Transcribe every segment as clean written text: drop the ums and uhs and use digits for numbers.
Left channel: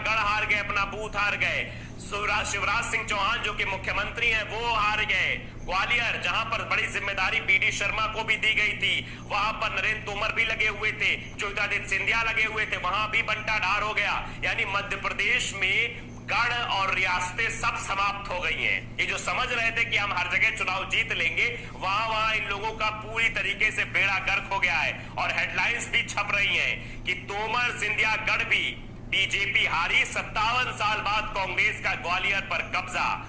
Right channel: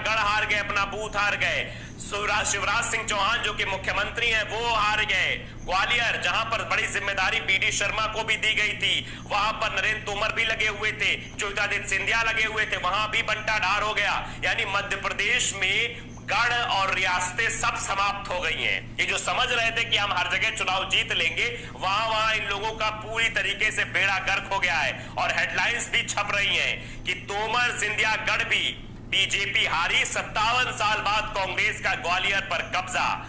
गढ़ हार गए, अपना बूथ हार गए। शिवराज सिंह चौहान जो कि मुख्यमंत्री हैं वो हार गए। ग्वालियर जहां पर बड़ी जिम्मेदारी बीडी शर्मा को भी दी गई थी, वहां पर नरेंद्र तोमर भी लगे हुए थे, ज्योतिरादित्य सिंधिया लगे हुए थे, वहां भी बंटा ढार हो गया। यानी मध्य प्रदेश में गढ़ और रियासतें सब समाप्त हो गई हैं। ये जो समझ रहे थे कि हम हर जगह चुनाव जीत लेंगे, वहां इन लोगों का पूरी तरीके से बेड़ा गर्क हो गया है। और हेडलाइंस भी छप रही हैं कि तोमर सिंधिया गढ़ भी बीजेपी हारी, 57 साल बाद कांग्रेस का ग्वालियर पर कब्जा।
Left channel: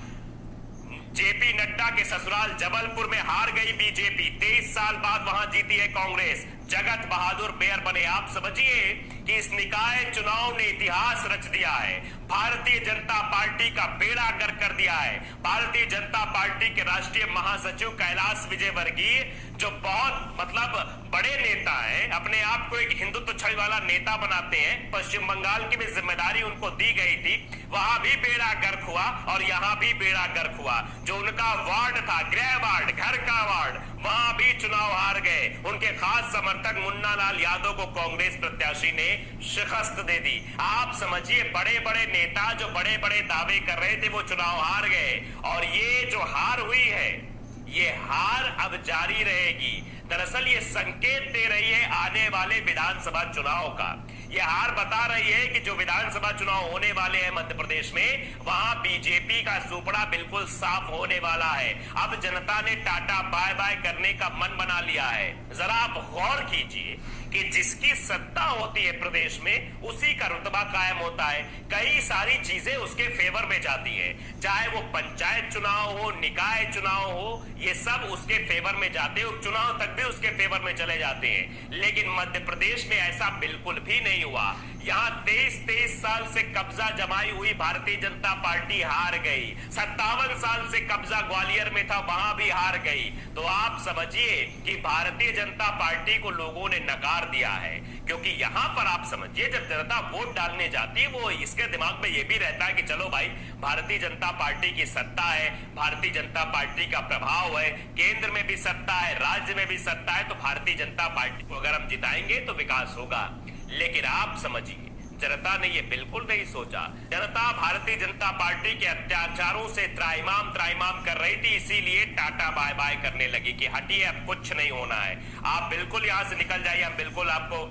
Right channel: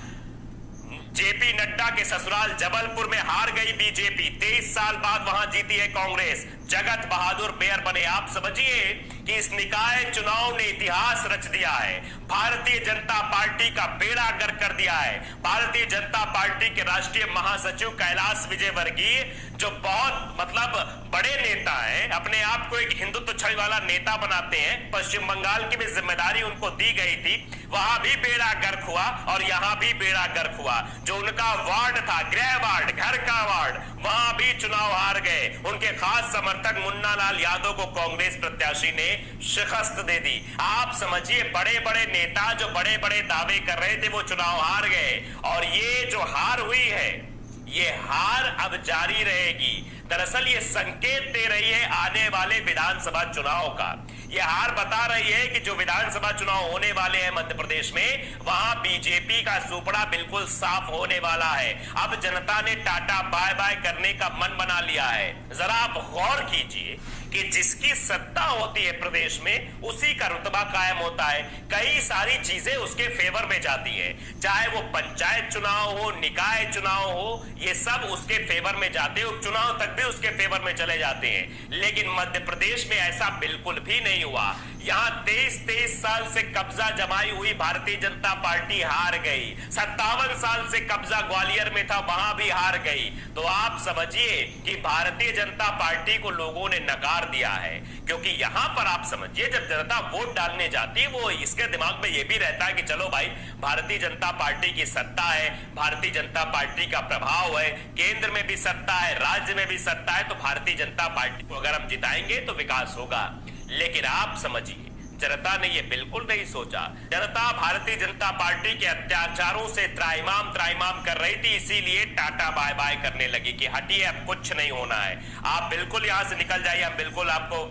जेपी नड्डा के ससुराल जबलपुर में हार गई बीजेपी, 23 साल बाद वहां जीती है कांग्रेस। जगत बहादुर मेयर बने। आप समझिए कि इस निकाय चुनाव ने इतिहास रच दिया है। भारतीय जनता पार्टी का बेड़ा गर्क कर दिया है। भारतीय जनता पार्टी के राष्ट्रीय महासचिव कैलाश विजयवर्गीय, जो बहुत बड़े नेता हैं, अपने आप को एक हिंदुत्व छवि वाला नेता बनाते हैं, पश्चिम बंगाल की भी जिम्मेदारी उनको दी गई थी, वहां भी बेड़ा गर्क हुआ और यहां भी बेड़ा गर्क हुआ। जो उनका वार्ड था, गृह वार्ड, घर का वार्ड, वहां भी चुनाव हार गए। उनके खास समर्थक मुन्ना लाल यादव को कांग्रेस प्रत्याशी ने शिकस्त दे दी। आप समझिए, बड़े बड़े नेता जो बड़े बड़े दावे कर रहे थे वो चुनाव हार गए। और ये जो हार हुई है, ये हार अब जारी रहेगी। दरअसल ये संकेत दे रही है आने वाले विधानसभा चुनाव का। ये हार बता रही है कि जो विधानसभा चुनाव होने वाले हैं मध्य प्रदेश में, वहां बीजेपी का सुपड़ा बिल्कुल साफ होने वाला है। अब जनता ने टाटा बाय बाय करने का मन बना लिया है। जरा आप गौर कीजिए कि जिसकी सत्ता होती है प्रदेश में, उसी का रुतबा कायम होता है। कई सारी चीजें उसके फेवर में जाती हैं, चाहे वो पंचायत चुनाव हो, निकाय चुनाव हो, ये सब उसके फेवर में जाते हैं। उपचुनाव तक भी उसके फेवर में चले जाते हैं। लेकिन मध्य प्रदेश में ऐसा बिल्कुल भी नहीं हुआ। यहां 23 साल से कब्जा जमाई हुई भारतीय जनता पार्टी हार गई। 57 साल से कब्जा ग्वालियर में था, वहां भी हार गई। तो आप समझिए कि भारतीय जनता पार्टी को लोगों ने नकार दिया है। क्योंकि यहां पर आप समझिए, जब जनता वोट डालने जाती है, वो इसके दिमाग में यह भी रहता है कि चलो भाई, भारतीय जनता पार्टी की सत्ता है, भारतीय जनता पार्टी का प्रभाव है, केंद्र में भी सत्ता है, राज्य में भी सत्ता है, तो भारतीय जनता पार्टी को अगर हम जिताएंगे तो विकास होगा। लेकिन आप समझिए, जनता ने यह बिल्कुल नहीं सोचा। जनता भारतीय जनता पार्टी के अत्याचारों से त्राइमाम कर रही थी, इसीलिए टाटा बाय बाय करने लगी कि हटिए, अब कुछ नहीं होना है, आप बिल्कुल यहां से निकल जाइए, हम बिल्कुल आपको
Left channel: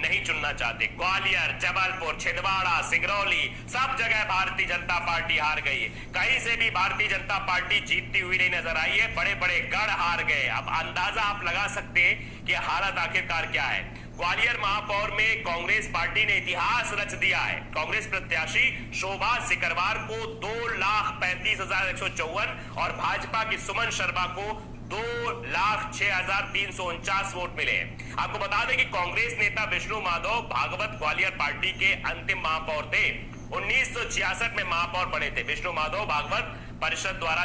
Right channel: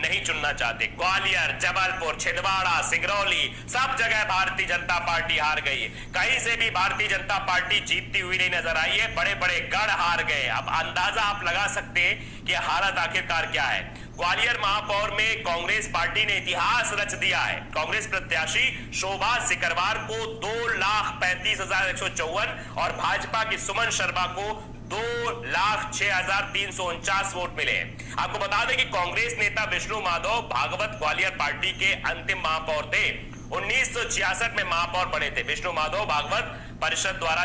नहीं चुनना चाहते। ग्वालियर, जबलपुर, छिंदवाड़ा, सिंगरौली, सब जगह भारतीय जनता पार्टी हार गई। कहीं से भी भारतीय जनता पार्टी जीतती हुई नहीं नजर आई है। बड़े बड़े गढ़ हार गए। अब अंदाजा आप लगा सकते हैं कि हालत आखिरकार क्या है। ग्वालियर महापौर में कांग्रेस पार्टी ने इतिहास रच दिया है। कांग्रेस प्रत्याशी शोभा सिकरवार को 2,35,154 और भाजपा की सुमन शर्मा को 2,06,349 वोट मिले। आपको बता दें कि कांग्रेस नेता विष्णु माधव भागवत ग्वालियर पार्टी के अंतिम महापौर थे। 1966 में महापौर बने थे। विष्णु माधव भागवत परिषद द्वारा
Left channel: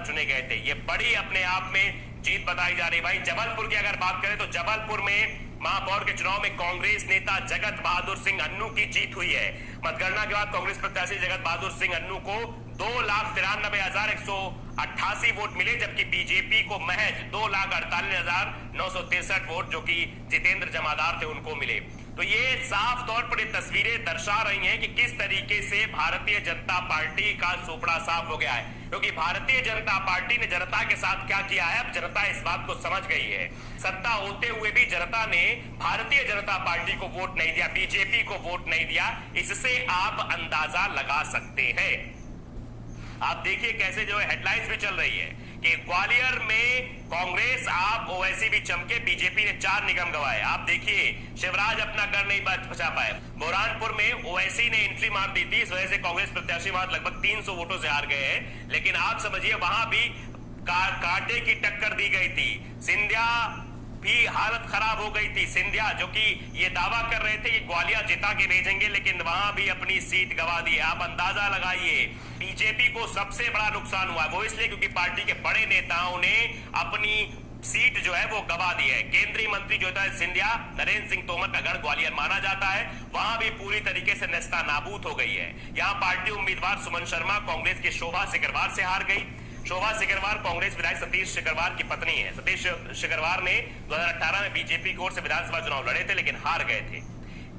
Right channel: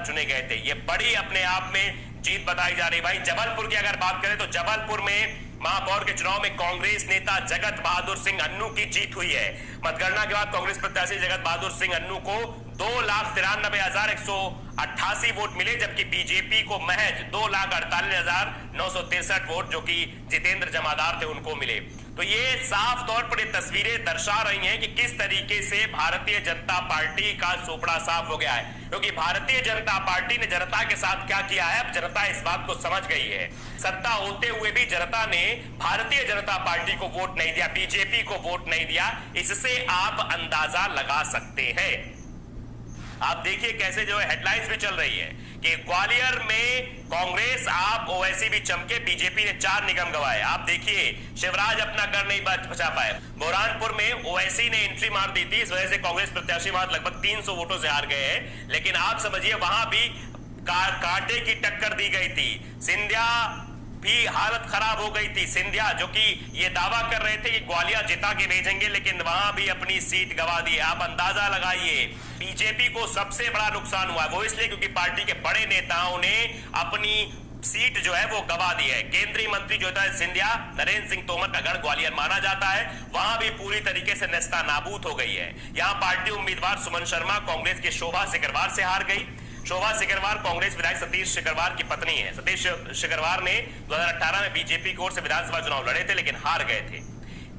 चुने गए थे। ये बड़ी अपने आप में जीत बताई जा रही। भाई जबलपुर की अगर बात करें तो जबलपुर में महापौर के चुनाव में कांग्रेस नेता जगत बहादुर सिंह अन्नू की जीत हुई है। मतगणना के बाद कांग्रेस प्रत्याशी जगत बहादुर सिंह अन्नू को 2,93,188 वोट मिले, जबकि बीजेपी को महज 2,48,963 वोट, जो कि जितेंद्र जमादार थे, उनको मिले। तो ये साफ तौर पर ये तस्वीरें दर्शा रही हैं कि किस तरीके से भारतीय जनता पार्टी का सोपड़ा साफ हो गया है। क्योंकि भारतीय जनता पार्टी ने जनता के साथ क्या किया है, अब जनता इस बात को समझ गई है। सत्ता होते हुए भी जनता ने भारतीय जनता पार्टी को वोट नहीं दिया, बीजेपी को वोट नहीं दिया। इससे आप अंदाजा लगा सकते हैं। आप देखिए कैसे जो है हेडलाइंस भी चल रही है कि ग्वालियर में कांग्रेस आप ओवैसी भी चमके, बीजेपी ने 4 निगम गंवाए। आप देखिए शिवराज अपना घर नहीं बचा पाए। बुरहानपुर में ओवैसी ने एंट्री मार दी थी, इस वजह से कांग्रेस प्रत्याशी वहां लगभग 300 वोटों से हार गए हैं। लेकिन आप समझिए वहां भी कांटे की टक्कर दी गई थी। सिंधिया भी हालत खराब हो गई थी। सिंधिया जो कि ये दावा कर रहे थे कि ग्वालियर जिता के भेजेंगे, लेकिन वहां भी अपनी सीट गंवा दी है। आप अंदाजा लगाइए, बीजेपी को सबसे बड़ा नुकसान हुआ है। वो इसलिए क्योंकि पार्टी के बड़े नेताओं ने अपनी सीट जो है वो गंवा दी है। केंद्रीय मंत्री ज्योतिरादित्य सिंधिया, नरेंद्र सिंह तोमर का गढ़ ग्वालियर माना जाता है, वहां भी पूरी तरीके से नेस्ता नाबूद हो गई है। यहां पार्टी उम्मीदवार सुमन शर्मा कांग्रेस की शोभा सिकरवार से हार गई। शोभा सिकरवार कांग्रेस विधायक सतीश सिकरवार की पत्नी है। सतीश सिकरवार ने 2018 में बीजेपी की ओर से विधानसभा चुनाव लड़े थे, लेकिन हार गए थे।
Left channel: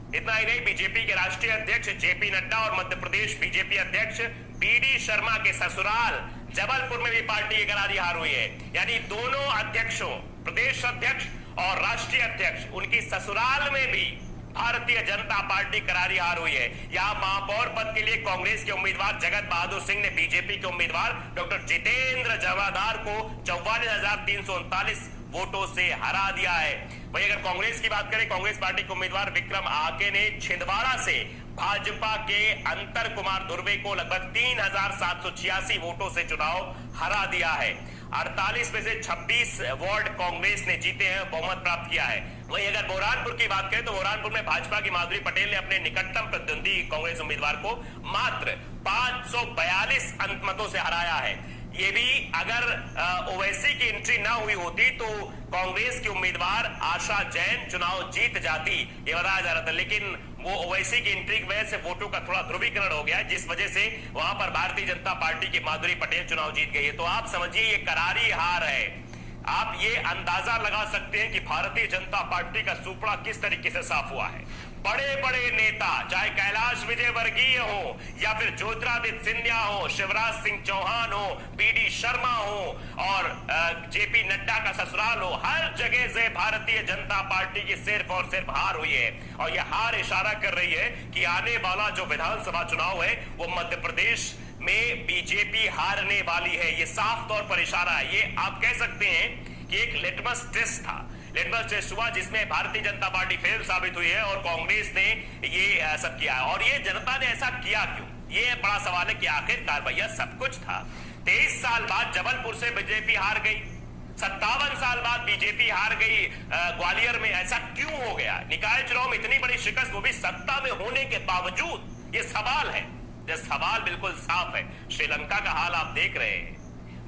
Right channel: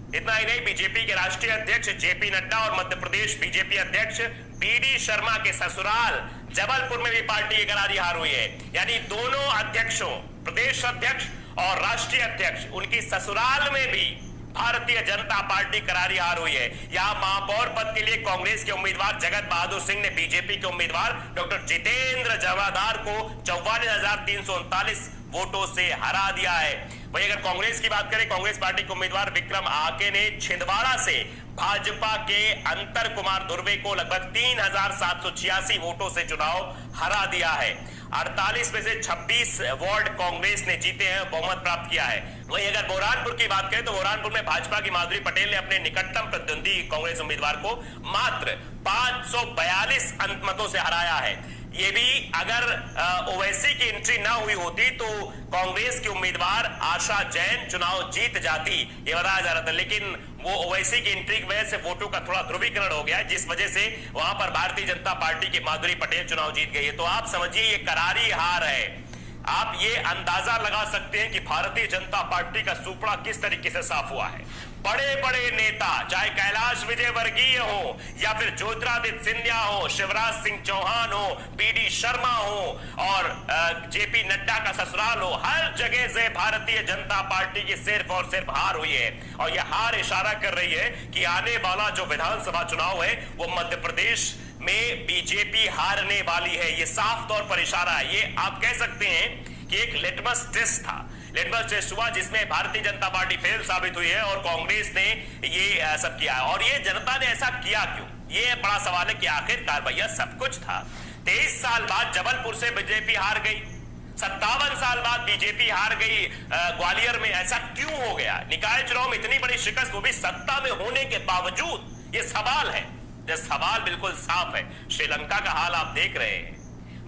इतना ही नहीं, बीजेपी के राष्ट्रीय अध्यक्ष जेपी नड्डा और मध्य प्रदेश बीजेपी अध्यक्ष बीडी शर्मा के ससुराल जबलपुर में भी पार्टी की करारी हार हुई है। यानी दोनों अध्यक्षों, प्रदेश अध्यक्ष और राष्ट्रीय अध्यक्ष, उनकी ससुराल में भी भारतीय जनता पार्टी करारी हार हुई है। यहां महापौर पद के लिए कांग्रेस के उम्मीदवार जगत बहादुर सिंह ने बीजेपी के उम्मीदवार डॉक्टर जितेंद्र जवादार को 44,339 वोटों से हरा दिया है। वहीं अगर कांग्रेस की बात करें, कांग्रेस पार्टी के उम्मीदवार विक्रम आके ने छिंदवाड़ा से भाजपा के अंतर कुमार धुर्वे को लगभग 3,786 वोटों से चुनाव हरा दिया है। 48 में से 26 वार्ड कांग्रेस ने जीते हैं, बहुमत प्राप्त किया है। वहीं अगर बुरहानपुर की बात करें तो बुरहानपुर में भाजपा की माधुरी पटेल ने अपने निकटतम प्रतिद्वंदी कांग्रेस उम्मीदवार को मात्र 542 अंक मतों से हराया है। ये भी अगर ओवैसी की एंट्री ना हुई होती तो कांग्रेस की उम्मीदवार आशा जैन चुनाव जीत जाती, ये बताया जा रहा था। लेकिन वो ओवैसी की एंट्री की वजह से वोटों का थोड़ा ध्रुवीकरण हो गया, जिस वजह से वहां पर भारतीय जनता पार्टी की माधुरी पटेल चुनाव जीत गई है। तो आप समझिए ये करारी हार है। आप ये अंदाजा लगा सकते हैं कि भारतीय जनता पार्टी का सुपड़ा किस तरीके से साफ हुआ है। बड़े बड़े नेता, चाहे कैलाश विजयवर्गीय हो या फिर ज्योतिरादित्य सिंधिया हो, शिवराज सिंह चौहान हो, बीडी शर्मा हो और जेपी नड्डा का ससुराल हो, हर जगह से भारतीय जनता पार्टी की सिर्फ और सिर्फ हार हुई है। और यह हार इशारा कर रही है कि आने वाला जो विधानसभा चुनाव है वो मध्य प्रदेश में बीजेपी हारने वाली है। ये साफ तौर पर इशारा है। ये आप कह सकते हैं कि एक लिटमस टेस्ट था, लिटमस टेस्ट हुआ जिसमें भारतीय जनता पार्टी फेल साबित हुई है और कांग्रेस ने ये सब किया। और ये जनता ने ऐसा किया क्यों, ये बड़ा सवाल है कि आखिरकार भैया सब कुछ था। 23 साल बाद जबलपुर से बीजेपी हार गई, 57 साल बाद बीजेपी हार गई ग्वालियर में, ऐसा क्यों हो गया? निकाय चुनाव में इतनी बड़ी शिकस्त, वो भी सत्ता में होने के बावजूद, ये सवाल है। ये सवाल बिल्कुल साफ है। श्रीलंका का हाल आप देख रहे हैं,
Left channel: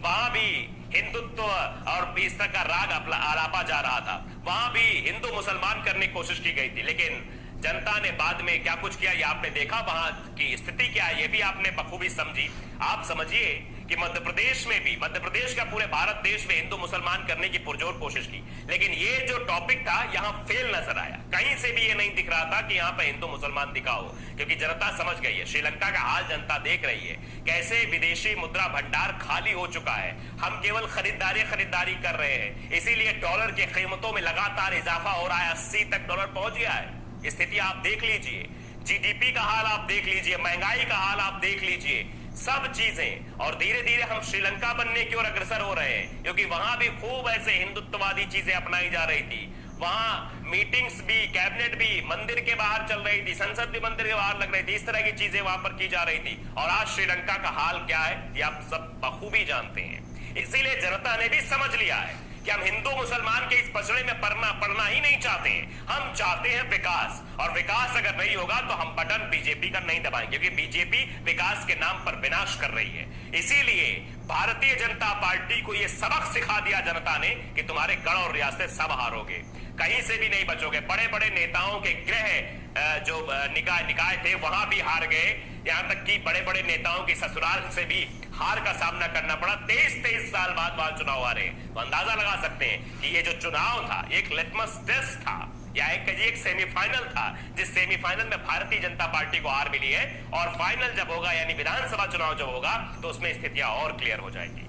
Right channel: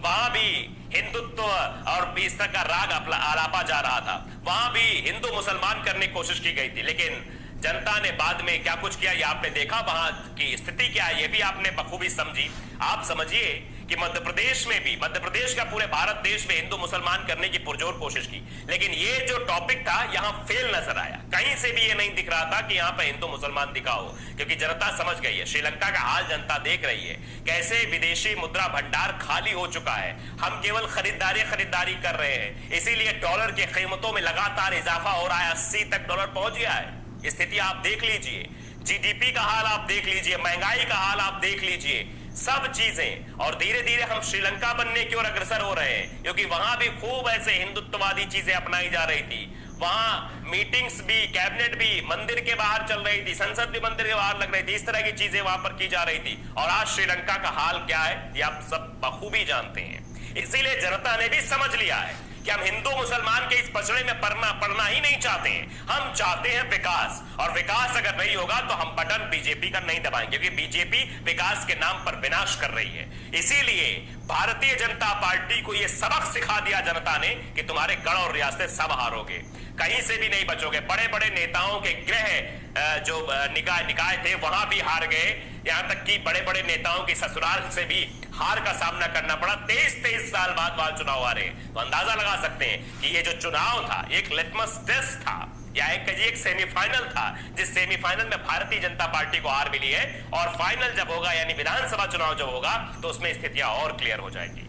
वहां भी हिंदुत्व और इस तरह का राग आलापा जा रहा था, वहां भी हिंदू मुसलमान करने की कोशिश की गई थी, लेकिन जनता ने बाद में क्या कुछ किया ये आपने देखा। वहां की स्थिति क्या है ये भी आपने बखूबी समझी। आप समझिए कि मध्य प्रदेश में भी, मध्य प्रदेश का पूरे भारत देश में हिंदू मुसलमान करने की पुरजोर कोशिश की, लेकिन ये जो टॉपिक था यहां फेल नजर आया। कहीं से भी ये नहीं दिख रहा था कि यहां पर हिंदू मुसलमान दिखा हो, क्योंकि जनता समझ गई है। श्रीलंका का हाल जनता देख रही है, कैसे विदेशी मुद्रा भंडार खाली हो चुका है। हम केवल खरीदारी कर रहे हैं, इसीलिए डॉलर की कीमतों में लगातार इजाफा हो रहा है। 80 तक डॉलर पहुंच गया है। स्थिति आप देख लीजिए, जीडीपी का हाल आप देख लीजिए, महंगाई का हाल आप देख लीजिए, सब चीजें। और धीरे धीरे हम श्रीलंका बनने की ओर अग्रसर हो रहे हैं, क्योंकि वहां भी खूब ऐसे हिंदुत्ववादी चीजें अपनाई जा रही थी। वहां मीटिंग्स भी, कैबिनेट भी मंदिर के बाहर चल रही थी, संसद भी मंदिर के बाहर लग रही थी, इस तरह की चीजें वहां पर की जा रही थी। और आज श्रीलंका का हाल क्या है ये आप सब बखूबी जानते हैं। इसीलिए जनता ने भी समझ लिया है कि हम हिंदू मुसलमान के इस पचड़े में पड़ना ही नहीं चाहते हैं। हम चाहते हैं विकास, और विकास अगर नहीं होगा तो हम बटन बीजेपी का नहीं दबाएंगे, क्योंकि बीजेपी विकास के नाम पर विनाश कर रही है। इसीलिए भारतीय जनता पार्टी को यह सबक सिखा दिया जनता ने कि तुम्हारे गढ़ और रियासतें सब हारोगे, कहीं से भी नहीं बचोगे। बड़े बड़े नेताओं के गृह जो निकाय थे वहां भी हार गए, यहां तक कि बड़े बड़े नेताओं की ससुराल से भी हार का सामना करना पड़ा। 23 साल बाद वहां चुनाव आ रहे हैं, तो अंदाजा लगा सकते हैं कि ये जो चुनाव था एक लिटमस टेस्ट था, या एक सेमीफाइनल था, जिस सेमीफाइनल में भारतीय जनता पार्टी को हार मिली है। और फाइनल जब होगा, यानी विधानसभा चुनाव जब होगा, तो उसमें स्थितियां और क्लियर हो जाएंगी।